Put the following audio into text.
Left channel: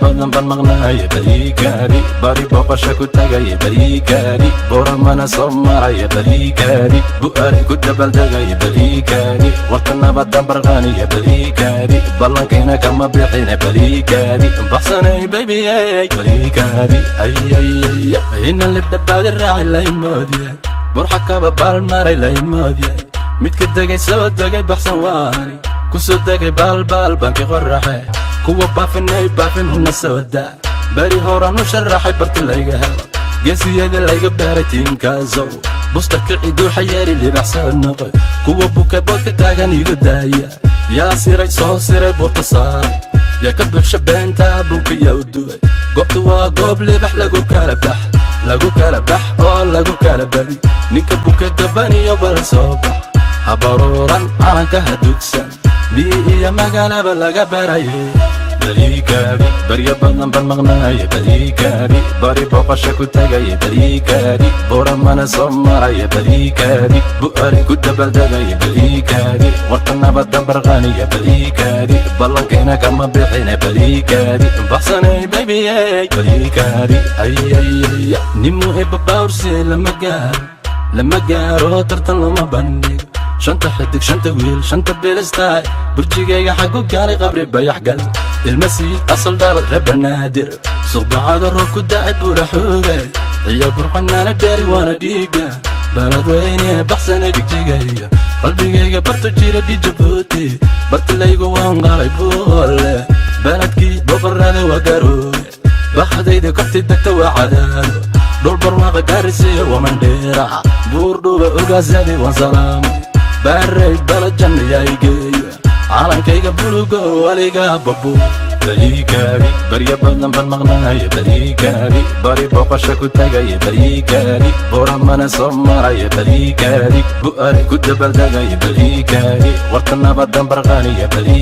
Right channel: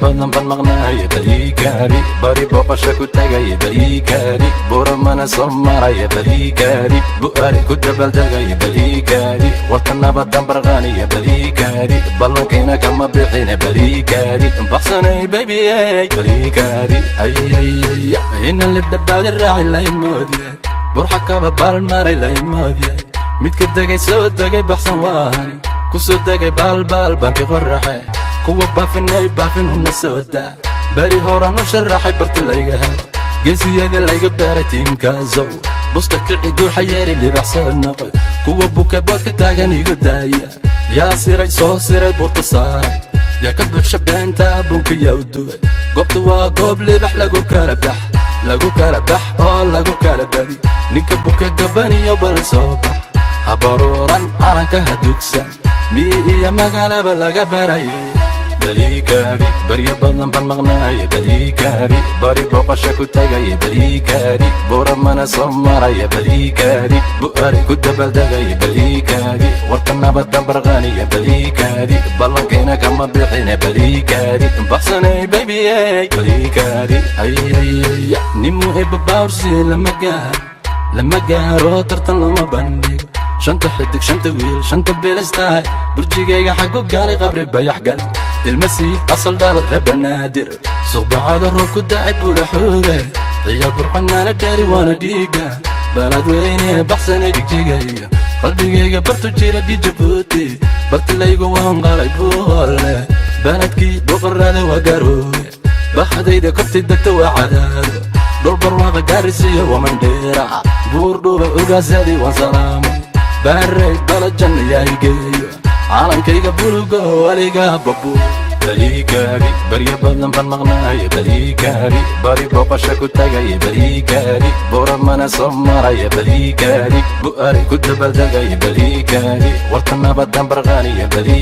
barya badan baan maqnaaya bariikaani bari booqasho ku tagaya bariikaani boramana soo maraya bariikaani bu'aari ku dabaldegaya bariikaani warta nabadan barqaaniya bariikaani ballankayna kama bixina bariikaani baqsanay baby bariikaani ina libdhabaadi raaci laimoodiye burxa kaba baalmaray laimoodiye midka degay soo degay baqsan waani kusoo degay baalbaal banki qoraxay kuwa baafinay baafin huna soo daa bari horanu sharaxay barta layga helo geesiyada layga baaray tiinkaasow busta kicidoo xayeeri libaxsad noqoy kuwa buka boodka taagan iga daaya yaa siray soo siray buurta saaray yaa ka buuxsha beentaa bunka yaa u duway goobta waa goob libax lagu kala bax oo lagu kala badi ninka buka gabaniyo balan soo bax habaruuran calanka hadugsan miyihiya magaalaba laga barayo bariikaani barya badan baan maqnaaya bariikaani bari booqasho ku tagaya bariikaani buramana soo maraya bariikaani bu'aari ku dabaldegaya bariikaani warta nabadan barqaaniya bariikaani ballankayna kama bixina bariikaani baqsanay baby bariikaani nin muhiba baawrsi lama gaaro tartan lama bandhigo shanta xidig shanta wiil shanta beelistaay burjigayga xagu gaalay qabri bayax gal ilmasiid asal dhal rebanaadir suqbacada roob ku dacay buula xooge iyo burxanaana gaari waana dhiiga balad weyne baqsana dhigjigaya qalbigayga bartu jira dhijabuuti bartilaygu waan qalay buule baladkii boqorada waa garooge baqadayda korti degta waa cadaado dhul barwaaqo gaarisiyo wamandheera buur dhuuba ogaasadi waa salaamo baray balajan yaygeeyo calankayga bulugo aniga babo bariikaani barya badan baan maqnaaya bariikaani bari booqasho ku tagaya bariikaani buramana soo maraya bariikaani bu'aari ku dabaldegaya bariikaani warta nabadan barqaaniya bari